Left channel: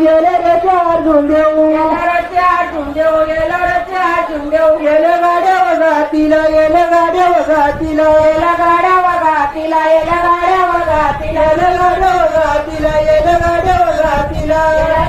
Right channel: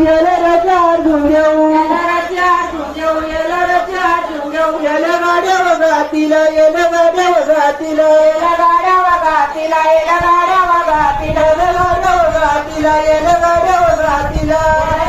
येले रचार झुंगेऊ येले गाड्या वगातीला येले गाड्या वगातीला येले गाड्या वगातीला येले गाड्या वगातीला येले गाड्या वगातीला येले गाड्या वगातीला